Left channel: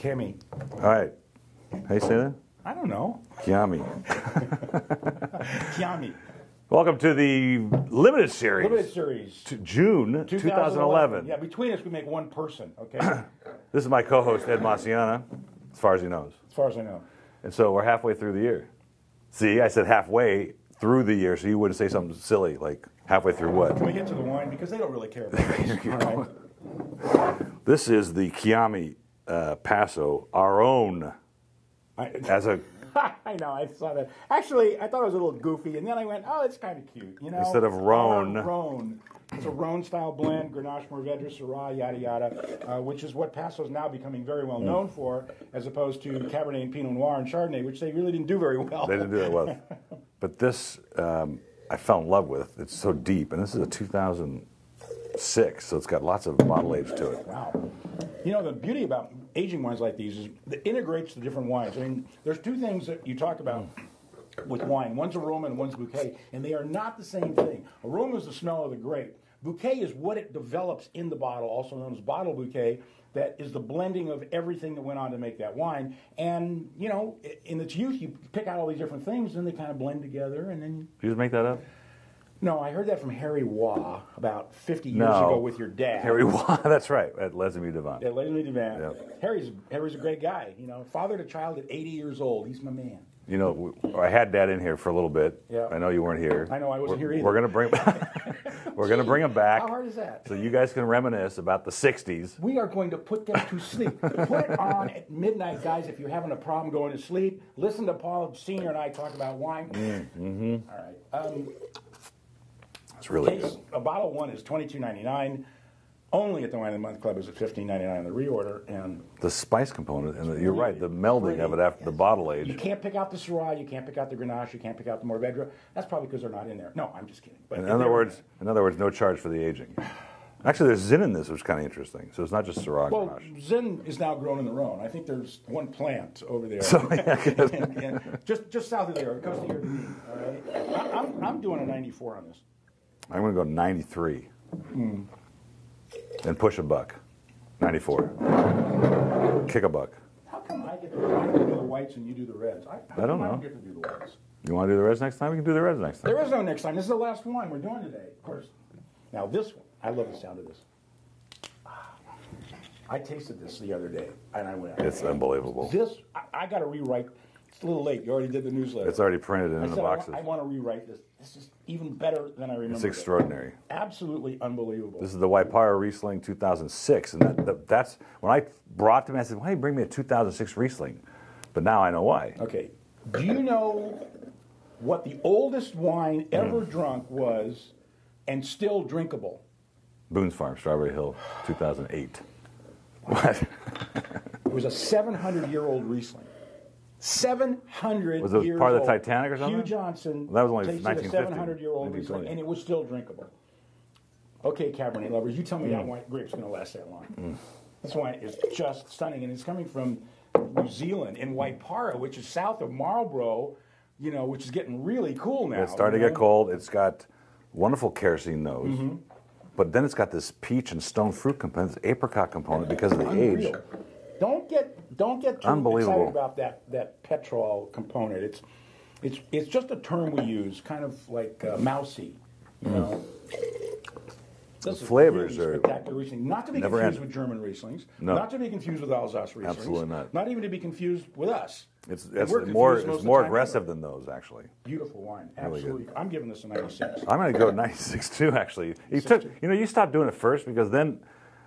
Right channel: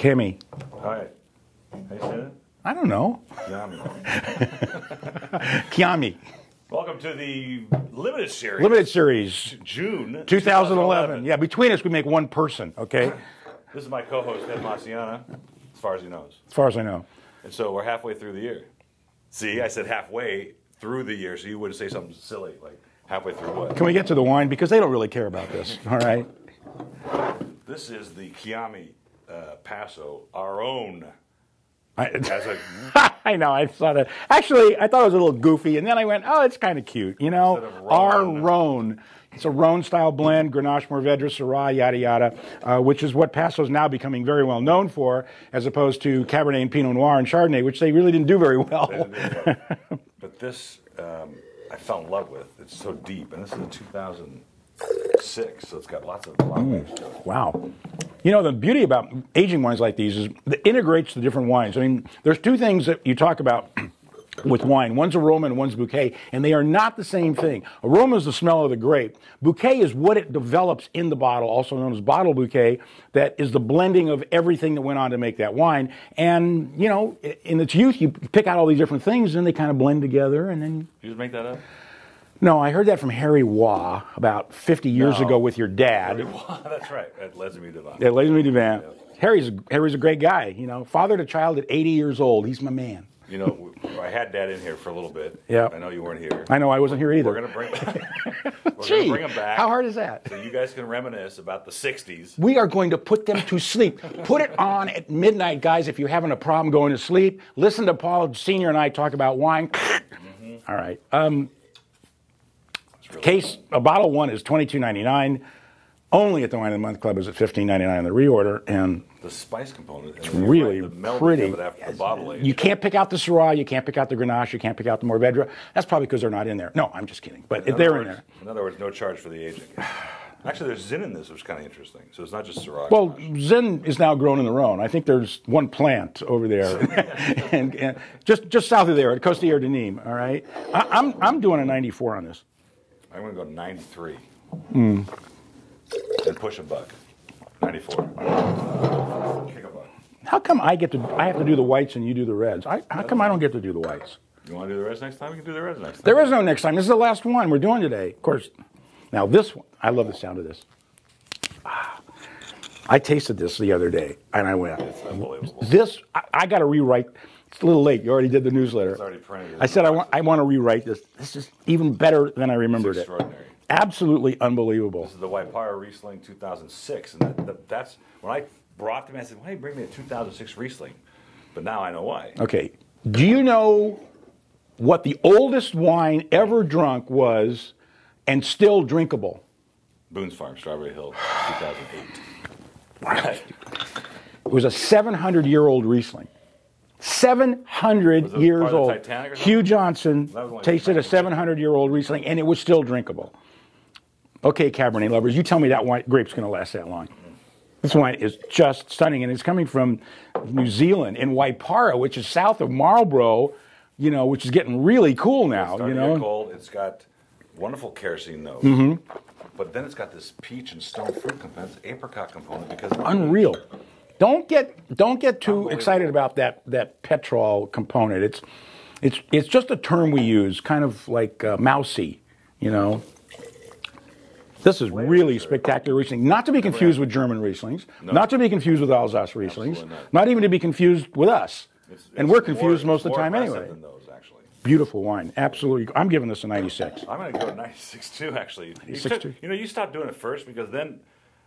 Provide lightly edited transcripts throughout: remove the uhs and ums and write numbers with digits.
Kimmy. All right. How you say that? I don't know. Kiami. Kiami. Welcome to the limited series. Limited series. June 2011. Yeah, between us we make one person, okay? This is my co-host, Ed Maciana, as far as he knows. As far as I know. And so we're halfway through the year. See, I said halfway through the year, so you wouldn't say something silly, like halfway through what? Can we get to the wine? Because they don't really care about this, all right? This is the Kiami Paso, our own. As a, I know, I saw that. Actually, I thought it was a little goofy, and then I went, oh, it's kind of cute, you know? Instead of Rhone. Our Rhone. It's a Rhone-style blend, Grenache, Mourvedre, Syrah, yada, yada, which is what Paso is now becoming very well known for, as opposed to Cabernet and Pinot Noir and Chardonnay, which they really didn't do very well. They didn't do it well. But this, I fell in love with. It's so deep, and this is a 2006, so it's got lots of bottle age to it. Wow. You know, the beauty about aging wines like these is it integrates the different wines. I mean, there's two things that you talk about with wine. One's aroma and one's bouquet, and they are not the same thing. Aroma is the smell of the grape. Bouquet is what it develops in the bottle, also known as bottle bouquet, that is the blending of everything that went on to make that wine. And, you know, in its youth, you pick out all these different things, and they kind of blend together, and then... Did you just make that up? No, I heard that from Harry Waugh about 50 years ago with your dad. Harry Waugh, that's right, at Les Amis du Vin. Yeah, Les Amis du Vin. Yeah. Harry's a great guy, you know. Father to child at 80 years old. He's my man. You know, I had Dad in here for a little bit. Yeah. I know you weren't here. I know I wasn't here either. We're gonna bring him back. How hard is that? So you guys can reminisce about the 60s. We are going to put them to sleep. Put it on at midnight, guys, if you're having a problem going to sleep. Listen to Paul Sr. and I talk about wine. All right. Really a bottle one is $22.99. Only at the Wine of the Month Club is at $15.99 on the reorder, and the spice component is really the melding pretty. of it after the bottle age. You can't pick out the Syrah, you can't pick out the Grenache, you can't pick out the Mourvedre. That's probably because they're not in there. No, I'm just kidding. But they're in there. In other words, no charge for the aging. Actually, there's Zin in this, which is kind of interesting. So it's not just Syrah. Well, Zin is now grown in the Rhone. I think there's one plant over there, and just south of there at Costières de Nîmes. All right, I'm doing a 94 on this. I'm going to go 93 and push a buck. 94. Kick a buck. How come I have to do the whites and you do the reds? How come I don't get to do the whites? You want to do the reds next time? We can do the reds next time. There is no next time. This is the last one we're doing today. Of course. Now this one, I love the sound of this. I tasted this the other day, and I went, it's unbelievable. This, I got to rewrite. It's a little late. You already did the newsletter. It's already printed. I said I want to rewrite this. This is even better than I remembered. It's extraordinary. Absolutely unbelievable. This is the Waipara Riesling 2006, and that's when I brought them. I said, "Why don't you bring me a 2006 Riesling?" But now I know why. Okay. Do you know what the oldest wine ever drunk was, and still drinkable? Boone's Farm, Strawberry Hill, 2008. It was a 700-year-old Riesling. 700 years part of old. the Titanic or something? Hugh Johnson That was only tasted a 1950. 700-year-old Riesling, and it was still drinkable. Okay, Cabernet lovers, you tell me that grape's going to last that long. This wine is just stunning, and it's coming from New Zealand in Waipara, which is south of Marlborough, you know, which is getting really cool now. It's starting to get cold. It's got wonderful kerosene note. But then it's got this peach and stone fruit component, apricot component because of the Unreal. age. Don't get too excited about that petrol component. It's just a term we use, kind of like mousy, you know. This is really spectacular Riesling. Not to be confused with German Rieslings. No. Not to be confused with Alsace Rieslings. Absolutely not. Not even to be confused with us. And we're confused most of the time anyway. It's more aggressive than those, actually. Beautiful wine. Absolutely. I'm giving this a 96. I'm going to go 96 too, actually. You stopped doing it first because then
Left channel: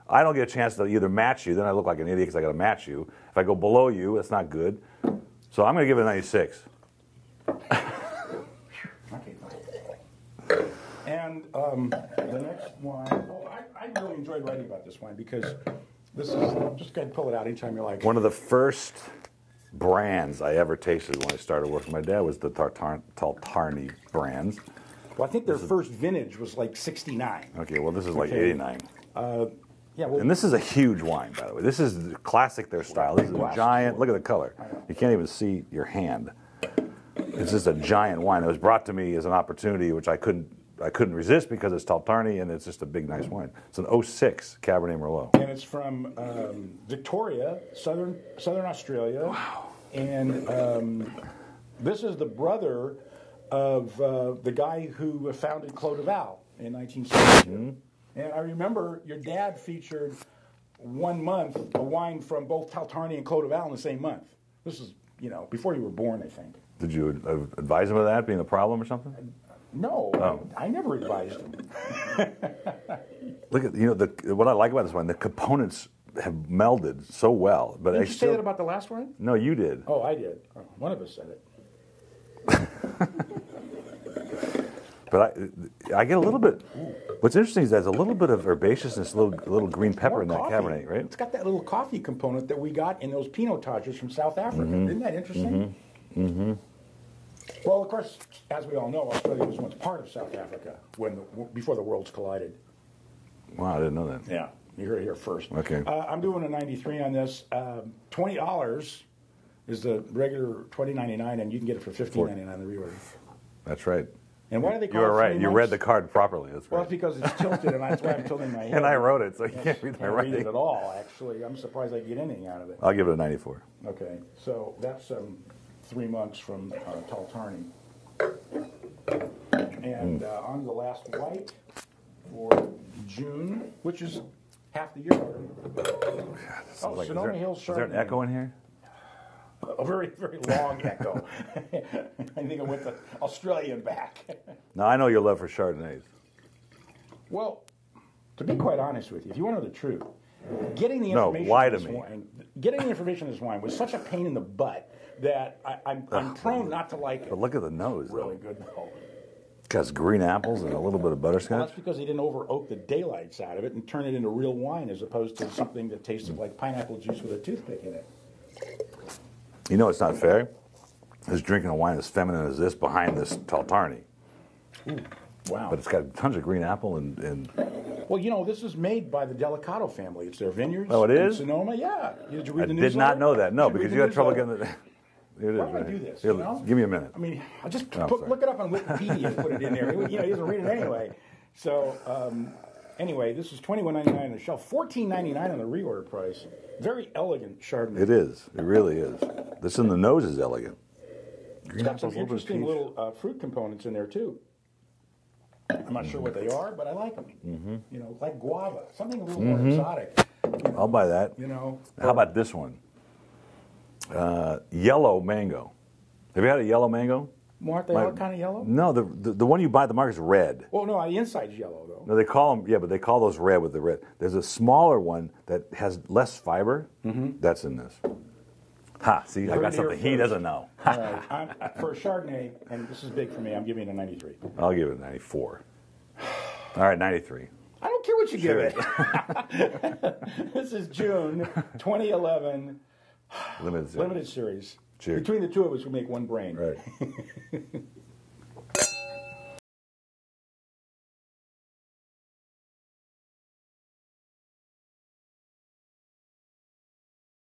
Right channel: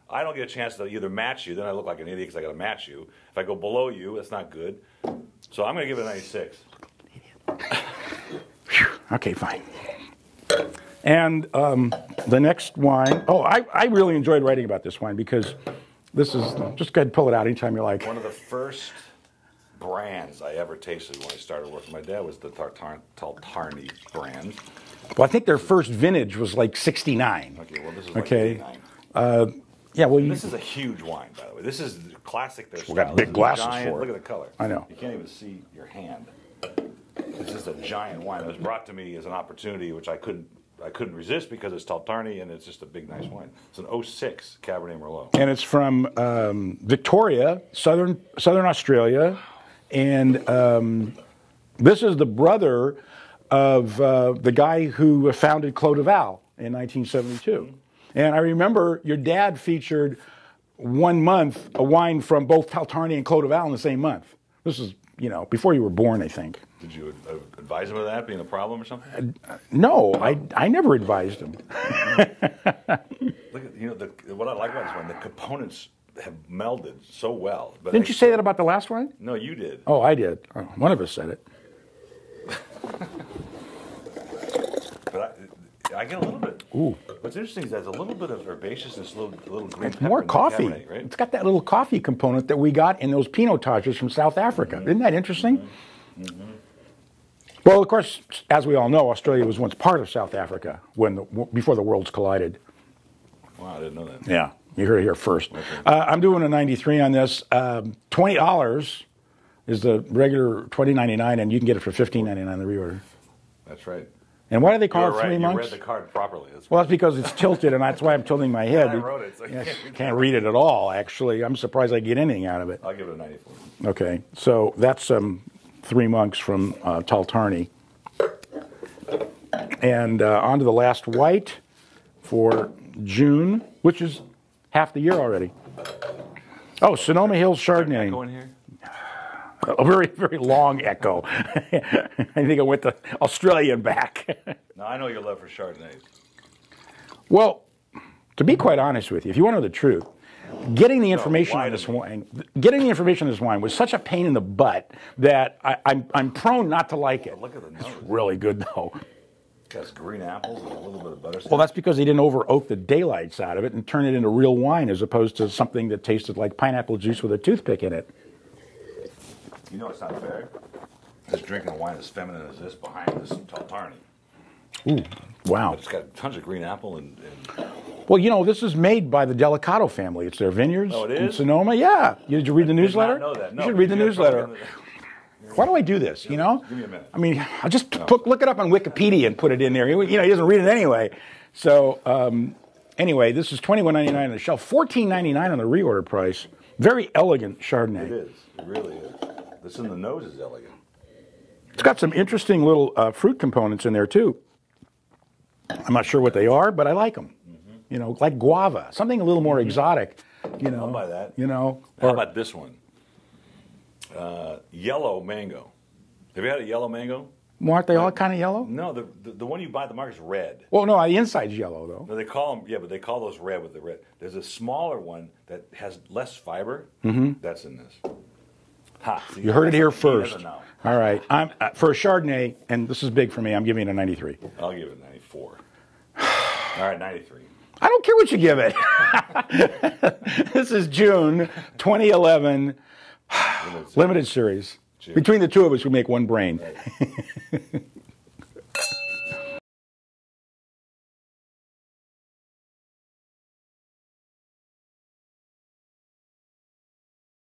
I don't get a chance to either match you. Then I look like an idiot because I got to match you. If I go below you, that's not good. So I'm going to give it a 96. Okay, fine. And the next wine, I really enjoyed writing about this wine because this is, just go ahead and pull it out anytime you like. One of the first brands I ever tasted when I started working with my dad was the Tartani brand. Well, I think their first vintage was like 69. Okay, well, this is like 89. Yeah, well, and this is a huge wine, by the way. This is classic their style. Big glasses giant. for it. Look at the color. I know. You can't even see your hand. It's just a giant wine that was brought to me as an opportunity, which I I couldn't resist because it's Taltarny and it's just a big, nice wine. It's an 06 Cabernet Merlot. And it's from Victoria, Southern Australia. Wow. And this is the brother of the guy who founded Clos de Val in 1972. And I remember your dad featured 1 month a wine from both Taltarny and Clos de Val in the same month. This is, you know, before you were born, I think. Did you advise him of that being a problem or something? No, I never advised him. Look at, you know, what I like about this wine, the components have melded so well. But Didn't you say that about the last one? No, you did. Oh, I did. Oh, one of us said it. But I get a little bit. Ooh. What's interesting is there's a little bit of herbaceousness, a little green pepper. More in coffee. Cabernet, right? It's got that little coffee component that we got in those Pinotages from South Africa. Isn't that interesting? Well, of course, as we all know, Australia was once part of South Africa before the worlds collided. Wow, I didn't know that. Yeah, you heard it here first. Okay. I'm doing a 93 on this. $20 is the regular $20.99, and you can get it for $15.99 the reorder. That's right. And why do they call it 3 months? You read the card properly. Well, that's because it's tilted, and that's why I'm tilting my head. Yeah, I wrote it. So you can't read it at all, actually. I'm surprised I get anything out of it. I'll give it a 94. Okay, so that's 3 monks from Taltarny. And on to the last white for June, which is half the year already. Oh, Sonoma Hills Chardonnay. Is there an echo in here? A very, very long echo. I think I went to Australia and back. Now, I know your love for Chardonnays. Well, to be quite honest with you, if you want to know the truth, getting the information on this wine was such a pain in the butt that I'm prone not to like it. But look at the nose. It's really good, though. It has green apples and a little bit of butterscotch. Well, that's because they didn't over oak the daylights out of it and turn it into real wine as opposed to something that tasted like pineapple juice with a toothpick in it. You know it's not fair? Just drinking a wine as feminine as this behind this Taltarny. Ooh, wow. But it's got tons of green apple and... Well, you know, this is made by the Delicato family. It's their vineyards. Oh, it is? In Sonoma, yeah. Did you read the newsletter? I did not know that. No. You should read the newsletter. Why do I do this, you know? Give me a minute. I mean, I'll just look it up on Wikipedia and put it in there. You know, he doesn't read it anyway. So, anyway, this is $21.99 on the shelf, $14.99 on the reorder price. Very elegant Chardonnay. It is. It really is. This in the nose is elegant. It's got some interesting little fruit components in there, too. I'm not sure what they are, but I like them. You know, like guava, something a little more exotic. You know, I'll buy that. You know. How about this one? Yellow mango. Have you had a yellow mango? Well, aren't they all kind of yellow? No, the one you buy at the market is red. Well, no, the inside's yellow, though. No, they call them, yeah, but they call those red with the red. There's a smaller one that has less fiber. That's in this. Ha, so you heard it here first. He doesn't know. All right. For a Chardonnay, and this is big for me, I'm giving it a 93. I'll give it a 94. All right, 93. I don't care what you give it. This is June 2011 Limited series. Cheers. Between the two of us, we make one brain. Right.